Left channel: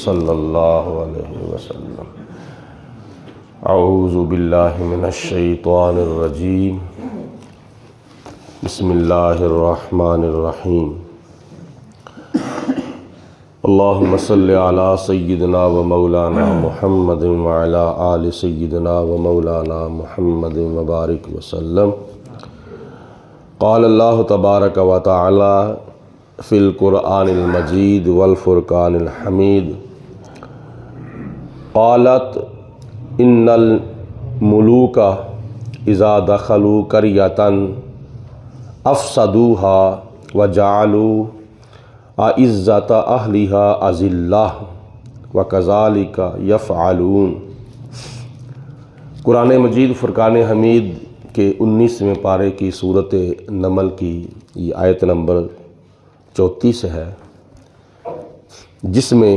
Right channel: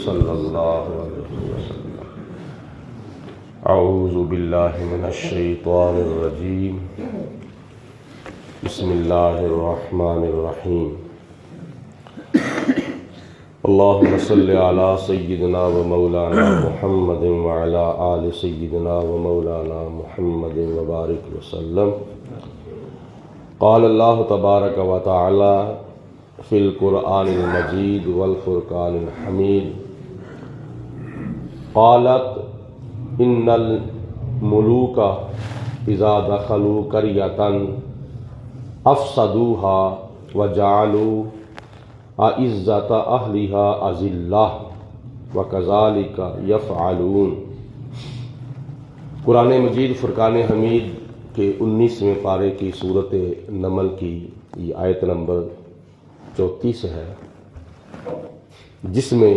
صلی اللہ علیہ وسلم۔ اعوذ باللہ من الشیطان الرجیم، بسم اللہ الرحمن الرحیم۔ اللہم صلی علی سیدنا و مولانا محمد وعلی آل سیدنا و مولانا محمد وبارک وسلم۔ قال اللہ تبارک و تعالی فی القرآن المجید والفرقان الحمید، قالت ان الملوک اذا دخلوا قریۃ افسدوها وجعلوا اعزۃ اہلها اذلہ وکذالک یفعلون۔ قرآن مجید فرقان حمید کے 19ویں پارے کی سورۃ نمل کی یہ آیت نمبر 34 ہے، جس میں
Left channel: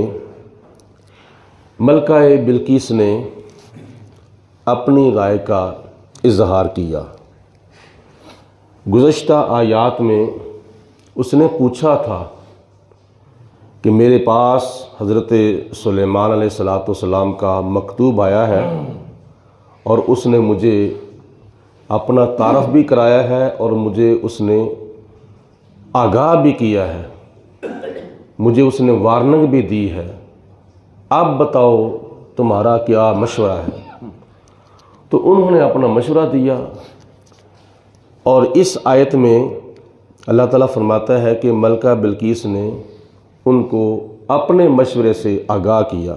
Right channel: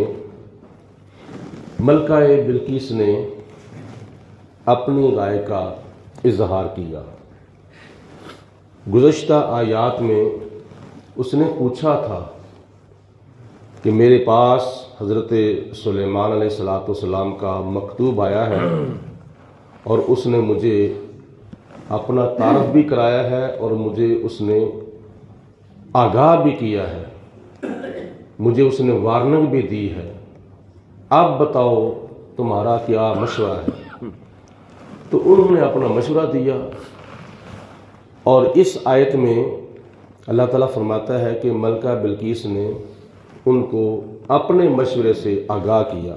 ملکہ بلقیس نے اپنی رائے کا اظہار کیا۔ گزشتہ آیات میں اس نے پوچھا تھا کہ میرے پاس حضرت سلیمان علیہ السلام کا مکتوب آیا ہے اور اس نے مجھے اپنا تعارف بھی کرایا ہے اور مجھے اس نے آگاہ بھی کیا ہے، مجھے اس نے وارننگ بھی دی ہے، اب بتاؤ تمہارا کیا مشورہ ہے۔ تو انہوں نے اپنا مشورہ دیا، اور اس آیت میں اللہ تعالیٰ فرماتا ہے کہ ملکہ بلقیس نے ان کو اپنے مشورے سے آگاہ کیا۔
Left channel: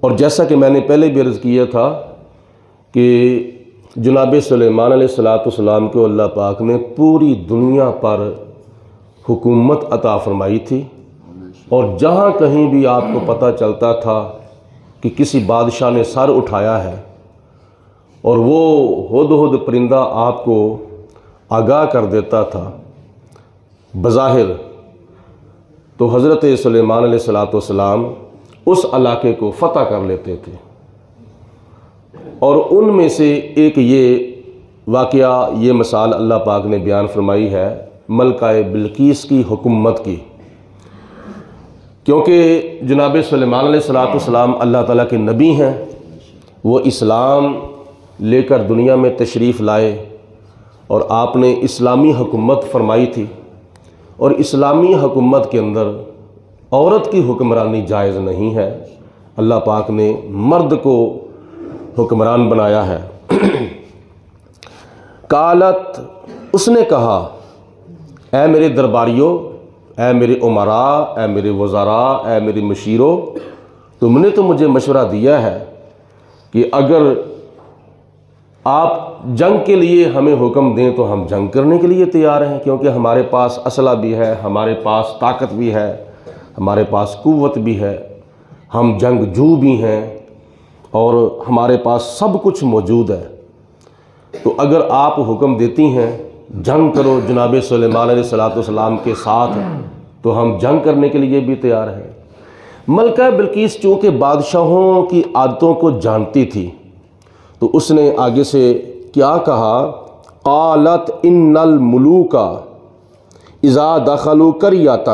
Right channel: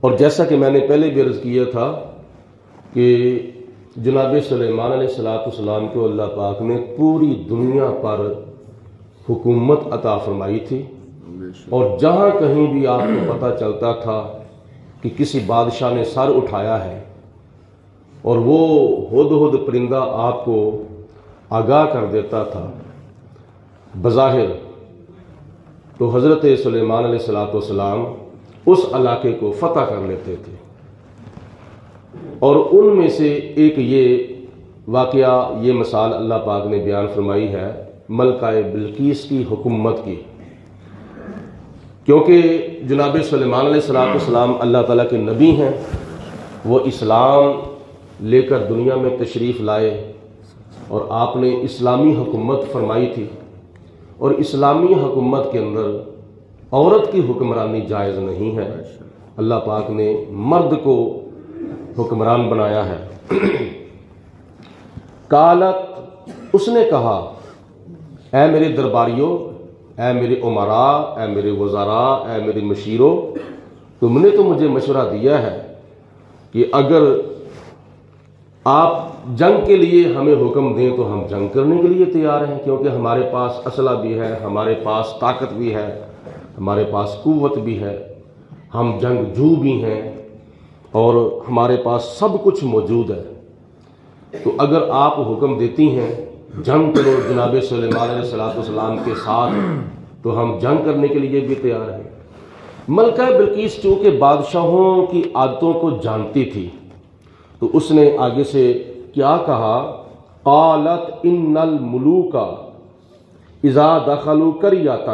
اور جیسا کہ میں نے پہلے بھی عرض کیا تھا کہ جناب سلیمان علیہ السلام کو اللہ پاک نے پوری دنیا پر حکومت عطا فرمائی تھی، اور جہاں کہیں بھی آپ کو پتہ چلتا تھا کہ کسی بادشاہ نے سر اٹھایا ہے اور وہ ہدہد پرندہ آپ کو آگاہ کر دیتا تھا بظاہر، تو حضرت سلیمان علیہ السلام اس علاقے کو فتح کر لیتے تھے۔ اور ان میں سے ایک یہ واقعہ، یہ مثال اللہ پاک نے بیان فرمائی ہے ملکہ بلقیس کی حکومت کی، کیونکہ جناب سلیمان علیہ السلام اللہ تعالیٰ کے نبی ہیں، وہ اسلام لے کر دنیا میں تشریف لائے اور آپ نے اسلامی حکومت فرمائی تھی، اور اسلامی حکومت کے اندر عورت کی حکمرانی جائز نہیں ہے، اللہ پاک نے مرد کو حکمران بنایا ہے۔ قالت، اس نے کہا، اے میرے درباریوں، اے میرے امراء، اے میرے وزراء، اے میرے مشیروں، تم نے تو مجھے مشورہ دیا ہے کہ اگر آپ جنگ کے لیے ہمیں حکم دیں تو ہم جنگ کرنے کے لیے تیار ہیں، کیونکہ ہمارے پاس اسلحہ بھی ہے، ہمارے پاس طاقت بھی ہے، ہمارے پاس قوت بھی ہے، ہم جنگجو بھی ہیں، اور ہمارے پاس سب کچھ موجود ہے۔ تو اگر آپ حکم دیتی ہیں جنگ کرو جناب سلیمان علیہ السلام کے ساتھ، تو ہم جنگ کرنے کے لیے بھی تیار ہیں۔ ملکہ بلقیس چونکہ بادشاہوں کی عادتوں کو جانتی تھی، تو اس نے آگے سے کیا کہا، قالت ان الملوک اذا دخلوا قریۃ،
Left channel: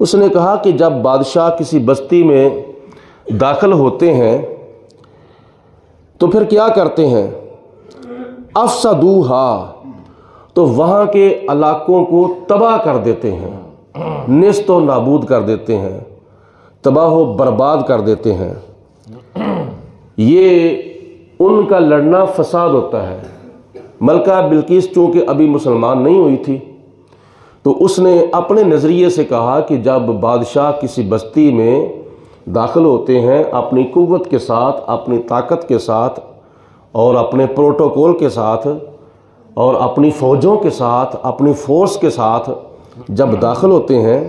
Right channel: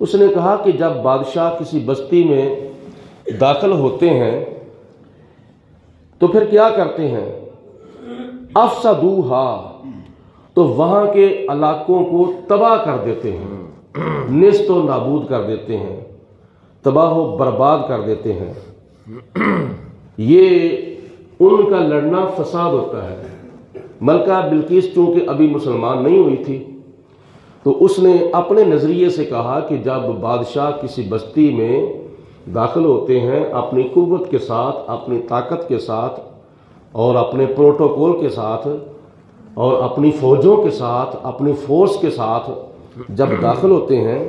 اس نے کہا کہ جب بادشاہ کسی بستی میں داخل ہوتے ہیں تو پھر کیا کرتے ہیں، افسدوها، تو وہاں کے علاقوں کو تباہ کر دیتے ہیں، نیست و نابود کر دیتے ہیں، تباہ و برباد کر دیتے ہیں۔ یہ ان کا لڑنا فساد ہوتا ہے۔ ملکہ بلقیس چونکہ ابھی مسلمان نہیں ہوئی تھی، تو اس نے اپنے نظریے سے کہا کہ جب بادشاہ کسی بستی میں داخل ہوتے ہیں اپنی قوت کے ساتھ، اپنی طاقت کے ساتھ، اور اپنے پروٹوکول کے ساتھ، اور اپنی فوجوں کے ساتھ، اپنی فورس کے ساتھ جب داخل ہوتے ہیں،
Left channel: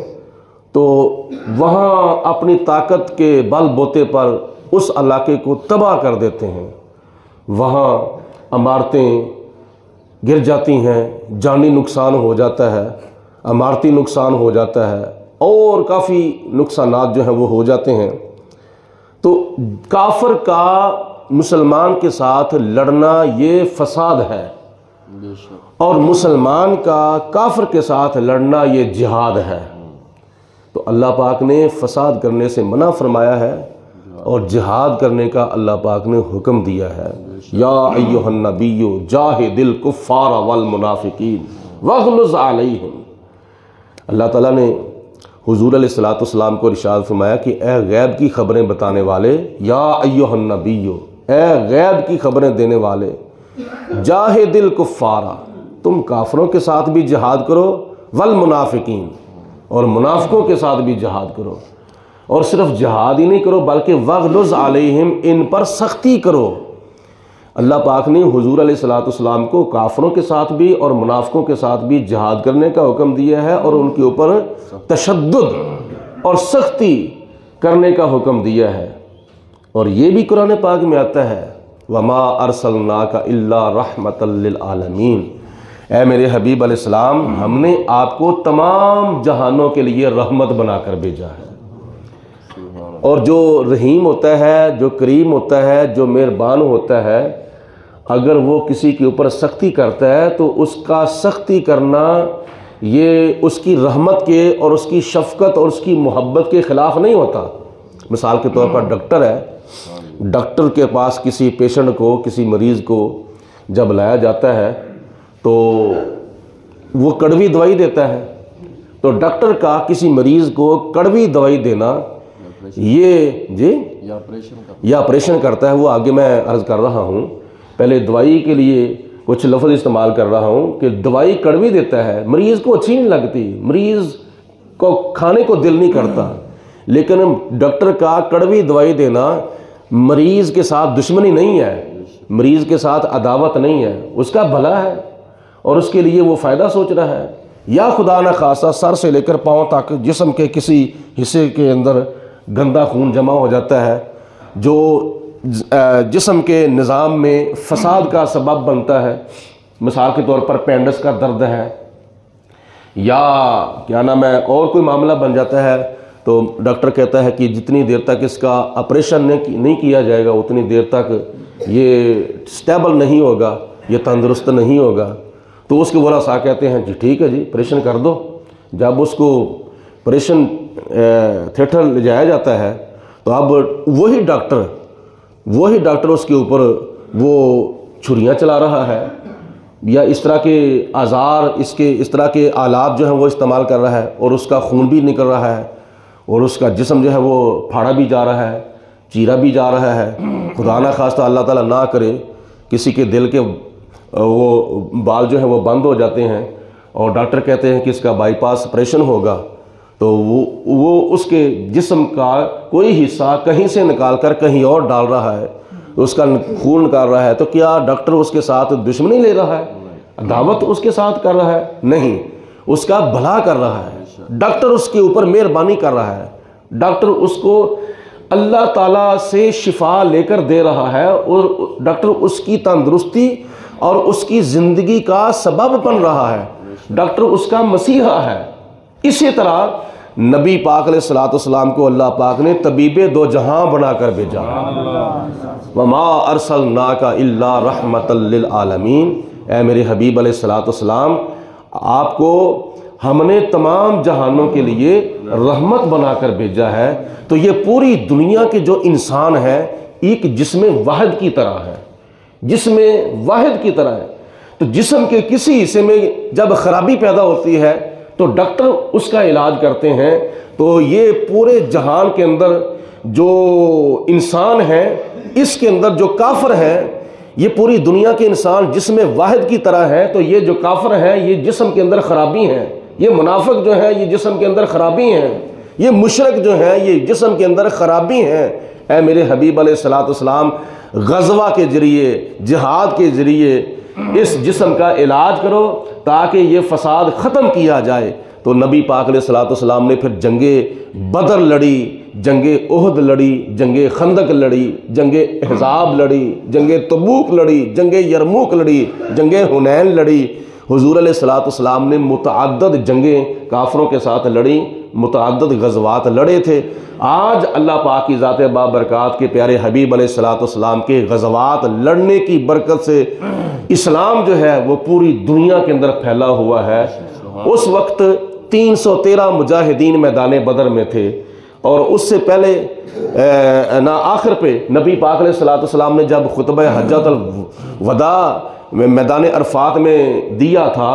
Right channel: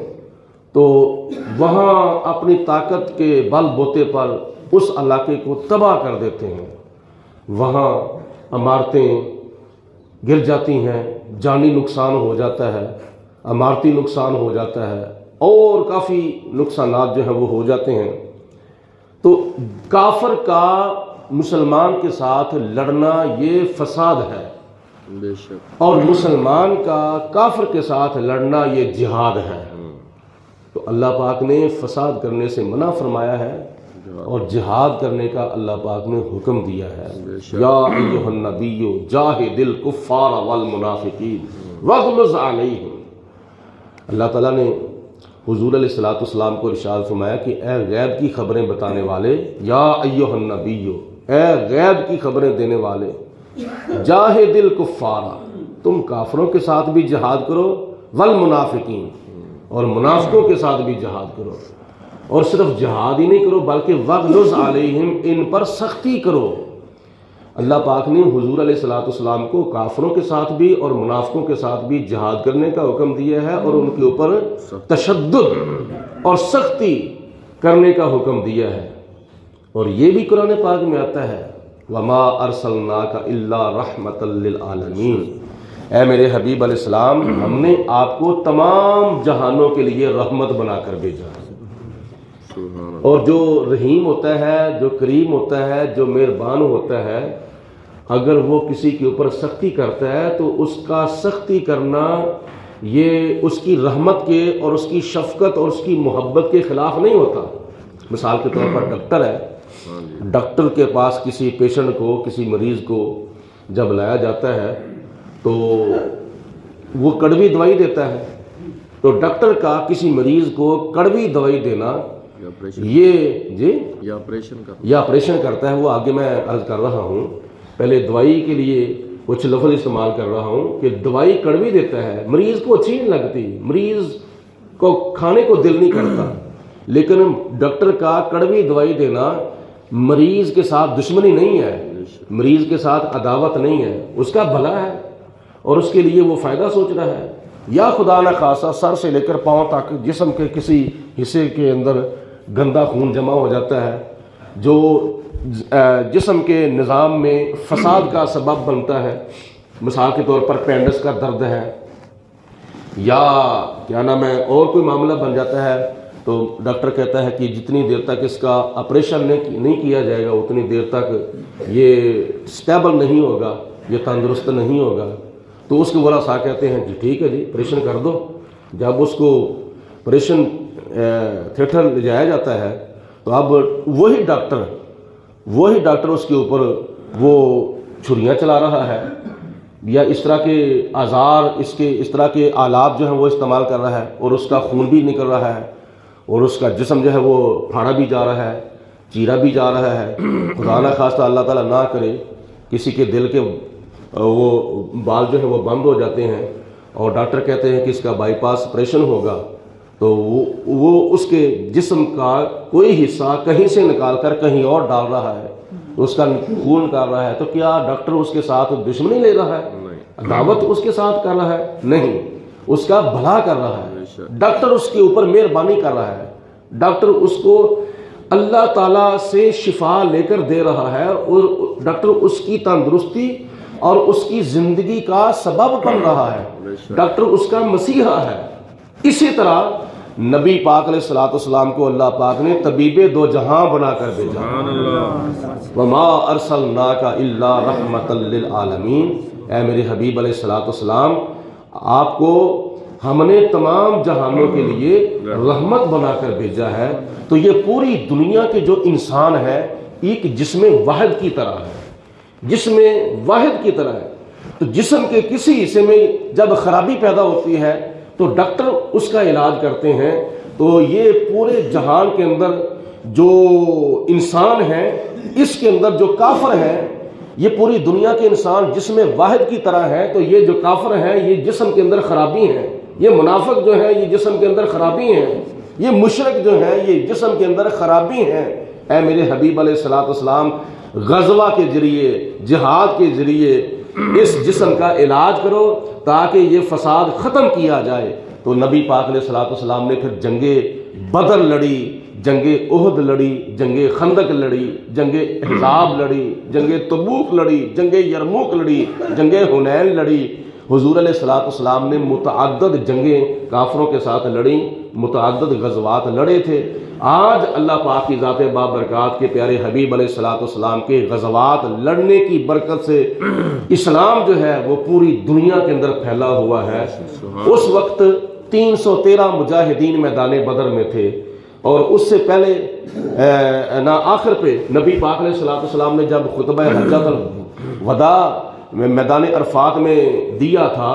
تو وہاں اپنی طاقت کے بل بوتے پر اس علاقے کو تباہ کر دیتے ہیں، وہاں عمارتیں گر جاتی ہیں، جانی نقصان ہو جاتا ہے، عمارتی نقصان ہو جاتا ہے، اور کافی نقصانات جو ہیں وہ ہو جاتے ہیں۔ تو کافر کا مسلمان کے ساتھ لڑنا یہ فساد ہے، اور مسلمان کا کافر کے ساتھ لڑنا یہ جہاد ہے۔ تو اللہ پاک نے فساد کرنے سے منع فرمایا ہے اور جہاد کرنے کا اللہ پاک نے حکم دیا ہے۔ یا ایھا النبی جاہد الکفار والمنافقین واغلظ علیہم۔ اللہ تعالیٰ نے حضور علیہ الصلوۃ والسلام کو ارشاد فرمایا کہ اے غیب کی خبریں بتانے والے، یا ایھا النبی، اے غیب کی خبریں دینے والے، جاہد الکفار، تم کافروں کے ساتھ بھی جہاد کرو، والمنافقین، اور منافقوں کے ساتھ بھی جہاد کرو، اور صرف جہاد ہی نہیں کرو بلکہ وغلظ علیہم، ان پر سختی کرو۔ اللہ پاک نے حضور علیہ الصلوۃ والسلام کو کافروں کے ساتھ بھی اور منافقوں کے ساتھ بھی جہاد کرنے کا حکم دیا ہے، اور ان کے اوپر تشدد اور سختی کرنے کا حکم دیا ہے۔ اور یہ بھی قرآن پاک میں آتا ہے وَمَا أَرْسَلْنَاكَ إِلَّا رَحْمَةً لِّلْعَالَمِينَ، اے میرے حبیب علیہ السلام، ہم نے آپ کو تمام جہانوں کے لیے رحمت بنا کر بھیجا ہے۔ اور جو رحیم ہوتا ہے، جو کریم ہوتا ہے، جو مہربان ہوتا ہے، اگر وہ کسی کے اوپر سختی کرتا ہے تو اس کا سختی کرنا یہ اس کی رحمت کے اور اس کی شفقت اور اس کی محبت کے خلاف نہیں ہوتا۔ مثال کے طور پر ڈاکٹر ہے، ڈاکٹر کے پاس کسی پیشنٹ کو، کسی مریض کو جب لایا جاتا ہے تو وہ کڑوی دوائی دیتا ہے، تو ڈاکٹر کا کسی مریض کو کڑوی دوائی دینا یہ یا آپریشن کرتا ہے، وہ آگے میں عرض کر رہا ہوں، پہلے دوائی کے لیے کچھ لفظ استعمال کر رہا ہوں کہ دوائی کڑوی دیتا ہے، مریض کو اچھی نہیں لگتی، مریض کو کھانے کو دل نہیں کرتا، لیکن ڈاکٹر کا کڑوی دوائی دینا مریض کے ساتھ دشمنی نہیں ہے، مریض کے ساتھ عداوت نہیں ہے، اس کا بھلا ہے اور اس کے لیے وہ فائدہ سوچ رہا ہے۔ یا خدا نہ خاصہ سر سے لے کر پاؤں تک جسم کے کسی حصے کے اندر گندا خون جمع ہو جاتا ہے جو جسم کے نظام میں فساد کا سبب بنتا ہے، مثال کے طور پر پینڈس کا درد ہے، یا کیا نام ہے اور کوئی معاملہ بن جاتا ہے، تو ڈاکٹر کہتا ہے کہ جتنی دیر تک اس کا آپریشن نہیں کیا جائے گا اتنی دیر تک یہ سٹیبل نہیں ہوگا، یہ تندرست نہیں ہوگا۔ تو اس کے ورثاء کہتے ہیں جی ٹھیک ہے جی آپریشن کر دو۔ جب اس کو آپریشن تھیٹر لے جایا جاتا ہے تو اب وہی ڈاکٹر اس کے اوپر وہ چھریاں چلا رہا ہے، یا اس طرح کے آزار، اس طرح کے آلات جو ہیں وہ استعمال کر رہا ہے، اور اس کا خون بھی نکل رہا ہے، اور اس کا جسم جو ہے وہ پھاڑا بھی جا رہا ہے، چیرا بھی جا رہا ہے۔ خدا نہ خواستہ اللہ تعالیٰ نہ کرے کسی کے دل کے وہ بال جو ہیں وہ بند ہو جاتے ہیں، اور ڈاکٹر کہتے ہیں کہ اس کا بائی پاس آپریشن ہوگا، تو وہ اس کے جسم کا کوئی حصہ کہیں سے نکال کر کہیں اور ڈال رہا ہے، اس کا خون نکال رہا ہے، تو کیا ڈاکٹر اس کے ساتھ دشمنی لے رہا ہے، دعوت اس کے ساتھ کر رہا ہے؟ نہیں، اس کا بھلا کر رہا ہے، ڈاکٹر اس کے اوپر مہربانی کر رہا ہے، ڈاکٹر اس کو اللہ تعالیٰ سے شفا لے کر دے رہا ہے، اور ڈاکٹر اس کی تندرستی اور اس کی زندگی کا سبب بن رہا ہے، ڈاکٹر اس کا مسیحا ہے۔ اسی طرح نبی پاک علیہ الصلوۃ والسلام کو اللہ پاک نے طبیب دو جہاں بنا کر بھیجا، وما ارسلناک الا رحمۃ للعالمین، اے میرے حبیب علیہ الصلوۃ والسلام، آپ کو ہم نے تمام جہانوں کے لیے رحمت بنا کر بھیجا ہے۔ تو یہ پوری دنیا کے جو انسان ہے ایک جسم واحد کی طرح ہے، جسم واحد کی طرح ہے، تو جسم کے کسی حصے میں جب خرابی پیدا ہوتی ہے تو ڈاکٹر اس کا علاج کرتے ہیں۔ تو یہ پورے جہان کے اندر جو انسان ہے، اس کے اندر جو کافر ہے، یہ پوری دنیا کے انسان جسم واحد کی طرح ہے، تو یہ جو کافر ہے یہ جسم کے اندر خرابی ہے، یہ منافق جو ہے یہ جسم کے اندر خرابی ہے، یہ مشرک جو ہے یہ جسم کے اندر خرابی ہے۔ اے میرے حبیب علیہ الصلوۃ والسلام، غزوہ کے ذریعے، جہاد کے ذریعے اس جسم کا علاج کرو تاکہ یہ فساد ختم کیا جائے، تو نبی پاک علیہ الصلوۃ والسلام نے پھر جنگ بدر لڑی، جنگ احد لڑی، جنگ خندق لڑی، جنگ احزاب لڑی، جنگ تبوک لڑی، جنگ یرموک لڑی، جنگ حنین لڑی۔ حضور علیہ الصلوۃ والسلام نے متعدد جنگیں کافروں کے ساتھ لڑی، متعدد غزوات لڑے تھے۔ آج اللہ پاک کی ذات بابرکات کے پیارے حبیب علیہ الصلوۃ والسلام کے غزوات لڑنے کی برکت سے اسلام جو ہے وہ پوری دنیا کے اندر پھیلا ہوا ہے۔ اس وقت 313 مجاہدین میدان بدر میں تھے، اور اس سے پہلے آخر پہ نبی پاک علیہ الصلوۃ والسلام نے جب خطبہ حجۃ الوداع میدان عرفات میں دیا تھا،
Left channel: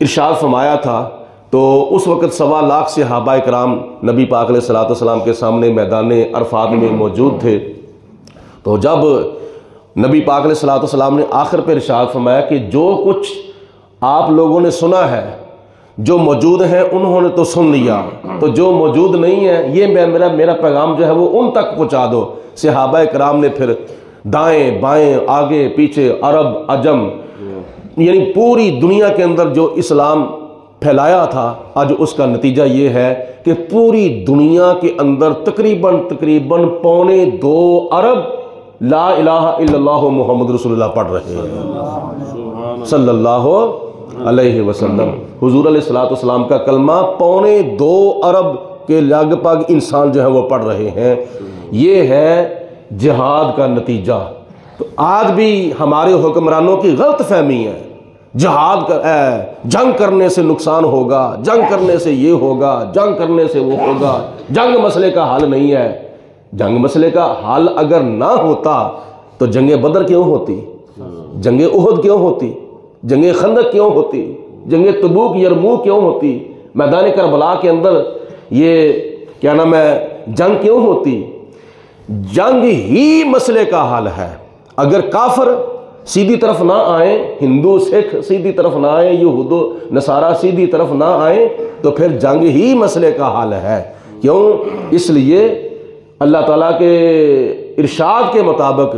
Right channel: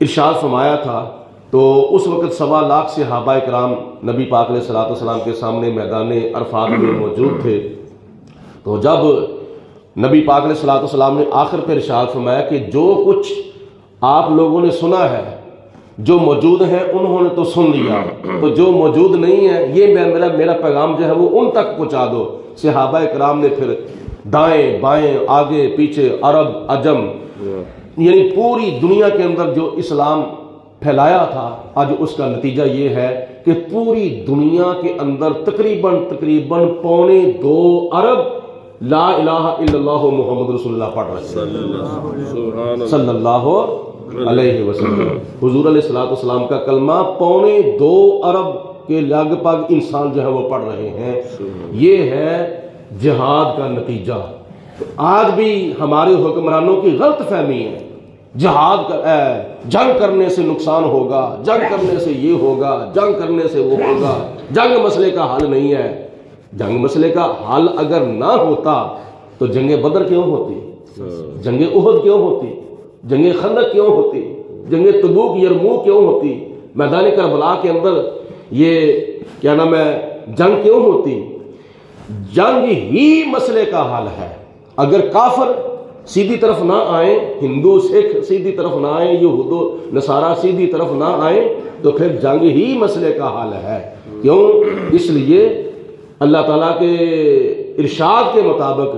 ارشاد فرمایا تھا، تو اس وقت 1.25 لاکھ صحابہ کرام نبی پاک علیہ الصلوۃ والسلام کے سامنے میدان عرفات میں موجود تھے۔ تو جب نبی پاک علیہ الصلوۃ والسلام نے آخر پہ ارشاد فرمایا کہ جو کچھ آپ لوگوں نے سنا ہے، جو موجود ہیں انہوں نے تو سن لیا، تو جو موجود نہیں ہے یہ میرا پیغام جو ہے وہ ان تک پہنچا دو۔ صحابہ کرام نے پھر دائیں بائیں آگے پیچھے عرب عجم یعنی پوری دنیا کے اندر جو اسلام پھیلایا تھا، آج اس کا نتیجہ یہ ہے کہ پوری دنیا کے اندر تقریباً 2.25 ارب لا الہ الا اللہ محمد رسول اللہ پڑھ رہے ہیں صلی اللہ علیہ وسلم۔ حضور علیہ الصلوۃ والسلام کا کلمہ 2.25 ارب کے لگ بھگ انسان جو ہے وہ پڑھ رہے ہیں۔ یہ ہے جہاد کا نتیجہ۔ آج بھی ہمارے حکمرانوں کی غلط فہمی ہے، جہاد جنگ کرنے سے نقصان ہوگا، جنگ کرنے سے یہ ہوگا، جنگ کرنے سے وہ ہوگا، جنگ مسئلے کا حل نہیں ہے۔ جنگ مسئلے کا حل اگر نہ ہوتا تو جنگ بدر کیوں ہوتی، جنگ احد کیوں ہوتی، جنگ خندق کیوں ہوتی، جنگ تبوک یرموک کیوں ہوتی، میدان کربلا کے اندر یہ کیا نام ہے جنگ کیوں ہوتی؟ جنگ ہی مسئلے کا حل ہے۔ اگر کافر سیدھی طرف نہ آئیں، ہندو سکھ سیدھی طرف نہ آئیں، یہود و نصارہ سیدھی طرف نہ آئیں، تو پھر جنگ ہی مسئلے کا حل ہے۔ کیوں؟ اس لیے اللہ تعالیٰ کے ارشاد کے مطابق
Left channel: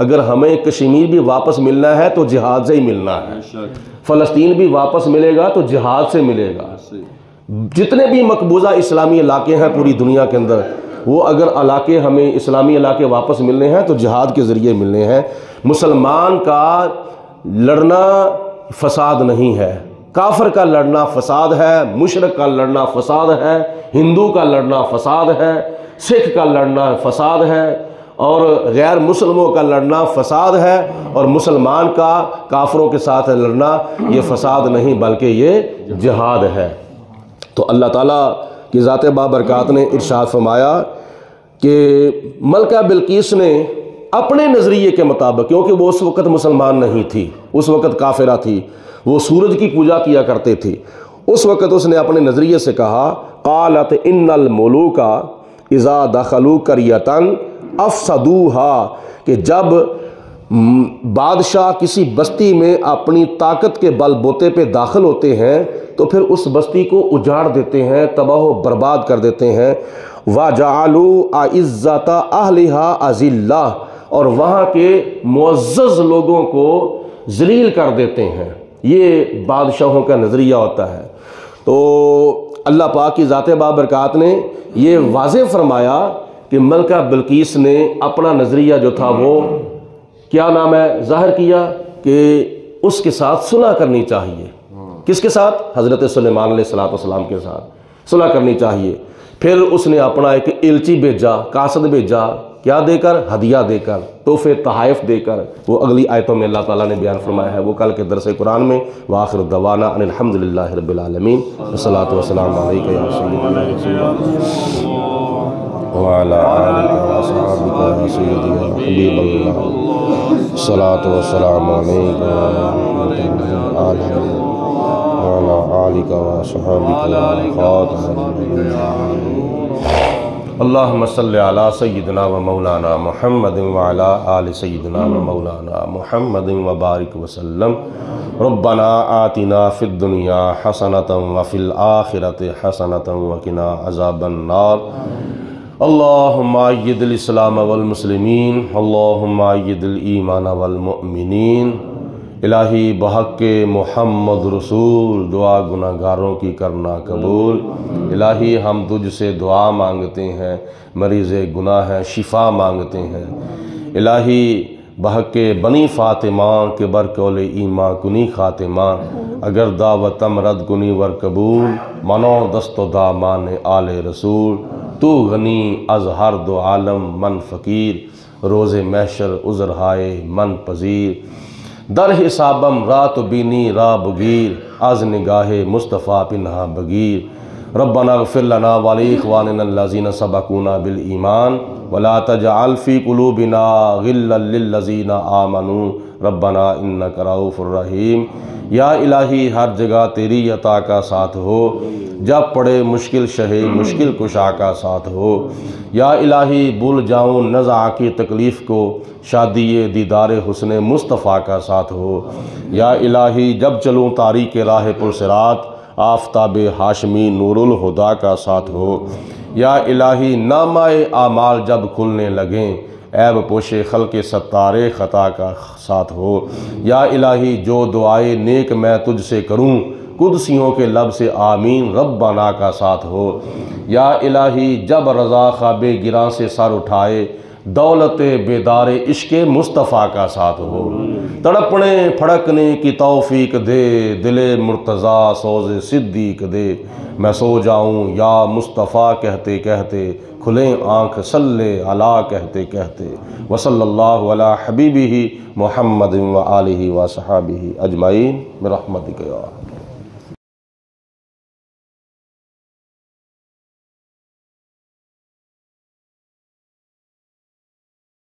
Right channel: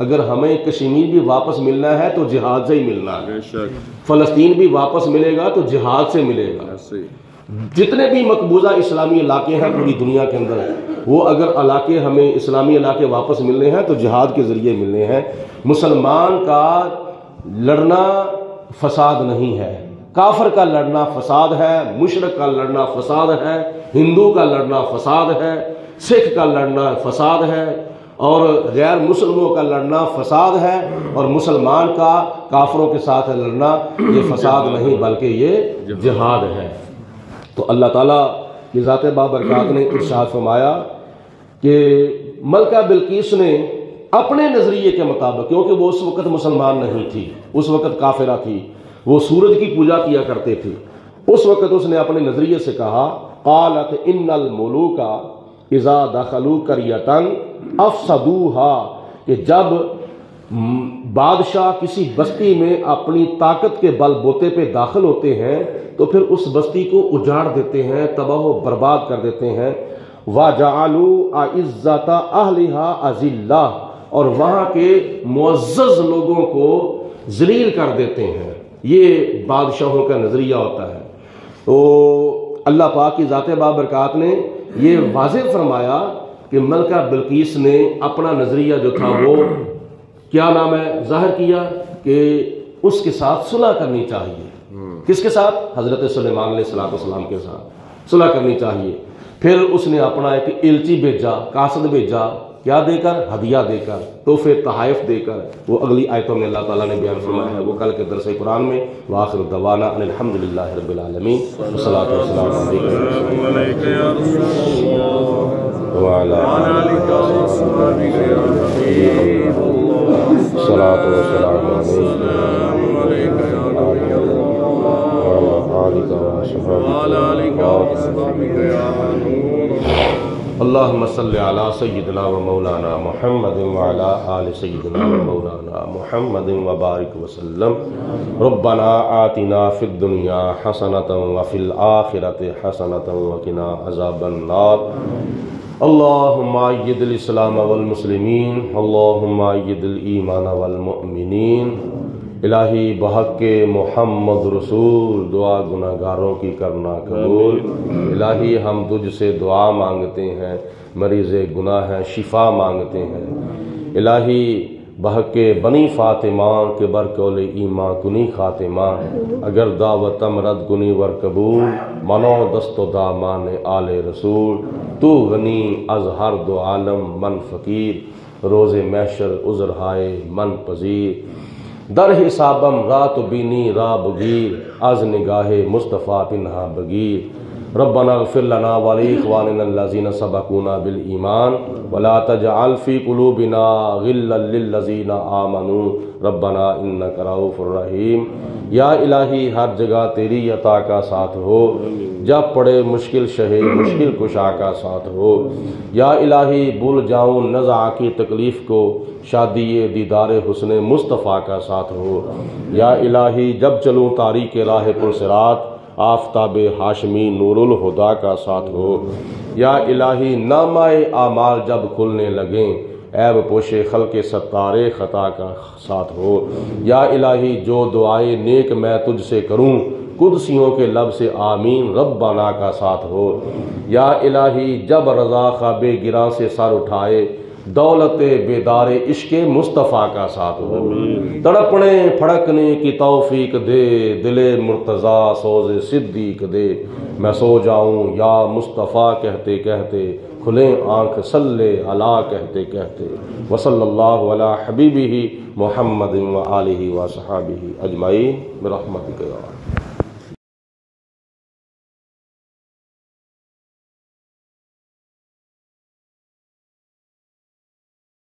اگر ہمیں کشمیر بھی واپس ملنا ہے تو جہاد سے ہی ملنا ہے، فلسطین بھی واپس ملے گا تو جہاد سے ملے گا۔ جتنے بھی مقبوضہ اسلامی علاقے ہیں پوری دنیا کے اندر، وہ اگر علاقے ہمیں اسلامی علاقے واپس ملنے ہیں تو جہاد کے ذریعے ملنے ہیں۔ مسلمان کا لڑنا فساد نہیں ہے، کافر کا لڑنا فساد ہے، مشرک کا لڑنا فساد ہے، ہندو کا لڑنا فساد ہے، سکھ کا لڑنا فساد ہے، اور غیر مسلموں کا لڑنا فساد ہے، اور مسلمان کا کافروں کے ساتھ لڑنا یہ فساد نہیں بلکہ یہ جہاد ہے۔ تو اللہ تعالیٰ کی ذات بابرکات نے ارشاد فرمایا کہ ملکہ بلقیس نے اپنے نظریے کے مطابق، کیونکہ وہ اس وقت مسلمان نہیں تھی، اس وقت کافرہ تھی، وہ سورج کی پوجا کیا کرتے تھے، اس وقت اس نے اپنے نظریے سے کہا قالت ان الملوک اذا دخلوا قریۃ افسدوها، کہ جب بادشاہ کسی بستی میں اپنی طاقت کے بل بوتے پہ داخل ہوتے ہیں تو پھر اس بستی کو اجاڑ دیتے ہیں، تباہ و برباد کر دیتے ہیں۔ وَجَعَلُوا أَعِزَّةَ أَهْلِهَا أَذِلَّةً، اور وہاں کے معزز لوگوں کو ذلیل کر دیتے ہیں۔ یہ بادشاہوں کا نظریہ ہوتا ہے۔ تو اللہ پاک کی ذات بابرکات نے یہ واضح فرمایا کہ ملکہ بلقیس نے اپنا نظریہ جو تھا وہ کیا نام ہے ظاہر کیا کہ اس کے ساتھ صلح کرنی چاہیے۔ کس کے ساتھ؟ حضرت سلیمان علیہ السلام کے ساتھ صلح کرنی چاہیے۔ پھر اس نے اپنا ایک الچی بھیجا، قاصد بھیجا، کیا دے کر؟ ہدیہ دے کر، تحفے تحائف دے کر۔ وہ اگلی آیتوں میں اللہ تعالیٰ نے بیان فرمایا ہے، وہ کل کے درس قرآن میں وآخر دعوانا ان الحمدللہ رب العالمین والصلاۃ والسلام علیکم یا رسول اللہ وعلی آلہ وصحبہ سیدنا الصلاۃ والسلام علیکم اللہم صلی علی سیدنا و مولانا محمد وعلی آل سیدنا و مولانا محمد وبارک وسلم۔ ربنا آتنا فی الدنیا حسنۃ وفی الآخرۃ حسنۃ وقنا عذاب النار۔ اللہم اید الاسلام والمسلمین، اللہم اید الایمان والمؤمنین، الہی بحق محمد رسول دعا گناہگاروں کی کرنا قبول۔ الہی ہم تجھ سے دعا مانگتے ہیں، مریض گناہ ہے شفا مانگتے ہیں۔ الہی بحق بنی فاطمہ کے برکول ایمان کنی خاتمہ، اگر دعوت امرد کنی ور قبول، منو دست و دامان آل رسول، تو غنی از ہر دو عالم من فقیر، روز محشر عذر ہائے من پذیر، در حسابم رات بینی را بگیر، از نگاہ مصطفیٰ پنہا بگیر۔ ربنا اغفر لنا ولاخواننا الذین سبقونا بالایمان ولا تجعل فی قلوبنا غلا للذین آمنوا ربنا انک رؤوف الرحیم۔ یا الہی ہر جگہ تیری عطا کا ساتھ ہو، جب پڑے مشکل شہے مشکل کشا کا ساتھ ہو۔ یا الہی بھول جاؤں نزع کی تکلیف کو، شادی دیدار حسن مصطفیٰ کا ساتھ ہو۔ یا الہی جب چلوں تاریک راہ پر صراط، آفتاب ہاشمی نور الہدا کا ساتھ ہو۔ یا الہی نامہ اعمال جب کھلنے لگیں، عیب پوش خلق ستار خطا کا ساتھ ہو۔ یا الہی جو دعائے نیک میں تجھ سے کروں، قدسیوں کے لب سے آمین ربنا کا ساتھ ہو۔ یا الہی جب رضا خواب گراں سے سر اٹھائے، دولت بیدار عشق مصطفیٰ کا ساتھ ہو۔ تڑپنے پھڑکنے کی توفیق دے، دل مرتضیٰ سوز صدیق دے، میں سو جاؤں یا مصطفیٰ کہتے کہتے، کھلیں آنکھ صلی علی کہتے کہتے۔ وصلی اللہ علی حبیبہ محمد و آلہ و صحابہ اجمعین برحمتک یا